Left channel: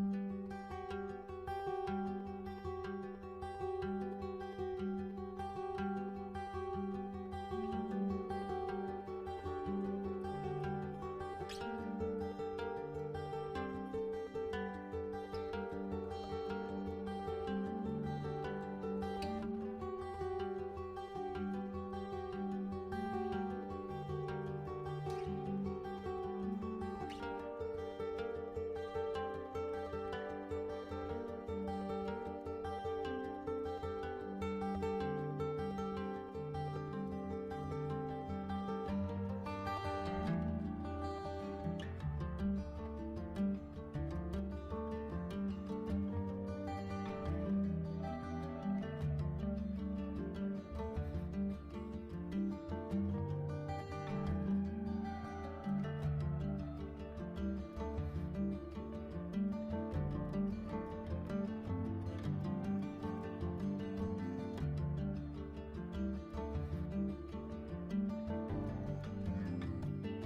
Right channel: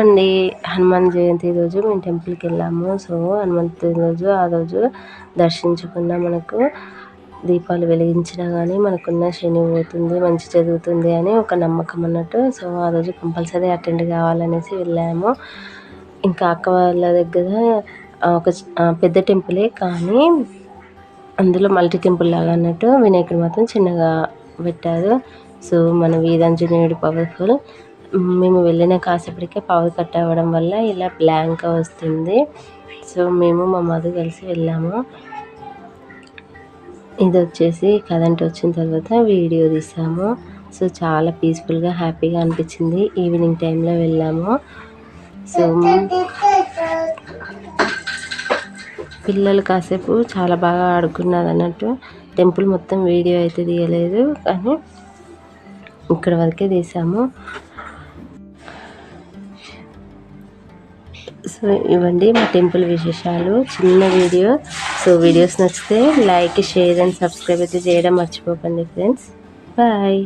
అండి హనుమాన్ జయంతి రోజు మేము టెంపుల్కి వెళ్ళాము. సో హనుమంతు రోజు ఆ రోజు దర్శించుకున్న మనకు దీపాలు వెలిగించినా కానీ మనకున్న శని పోతుంది మంచి జరుగుతుంది అని ఒక నమ్మకం అన్నట్టు. సో ఆ రోజు కంపల్సరీ అటెండ్ కావాలనేసి వెళ్ళాము. ఇంకా అక్క వాళ్ళ దగ్గర ఒక పెద్ద టెంపులే కానీ అందులో మల్టీ టెంపుల్ లాగా అన్నట్టు వినాయకుడు మాత్రం చిన్నగా పెట్టారు. సో మన వీరాంజనేయుడు పవర్ఫుల్. మేము వెళ్ళిన కాసేపటికే పవర్ కట్ అవ్వడం వల్ల ఇలా బ్లాంక్ వస్తుంది. సో మేము మా మధు కలిసి వెళ్ళాము. ఇది వచ్చేసి కరెంట్ వచ్చిన తర్వాత వీడియో తీసాము. సో చాలా పీస్ఫుల్గా హ్యాపీగా అనిపించింది. ఈవినింగ్ టైంలో వెళ్ళాము. సో పిల్లలు కాసేపు చాలా బాగా ఆడుకున్నారు అన్నట్టు. టెంపుల్ మొత్తం వీడియో అయితే తీయలేదు కానీ ఇక్కడ వరకే తీసాము. సో ఇవ్వండి మా టెంపుల్ విశేషాలు. చిన్న వీడియో. సో వీడియోస్ నచ్చితే లైక్ షేర్ అండ్ సబ్స్క్రైబ్ అయితే చేయడం మర్చిపోకండి ఫ్రెండ్స్. బాయ్.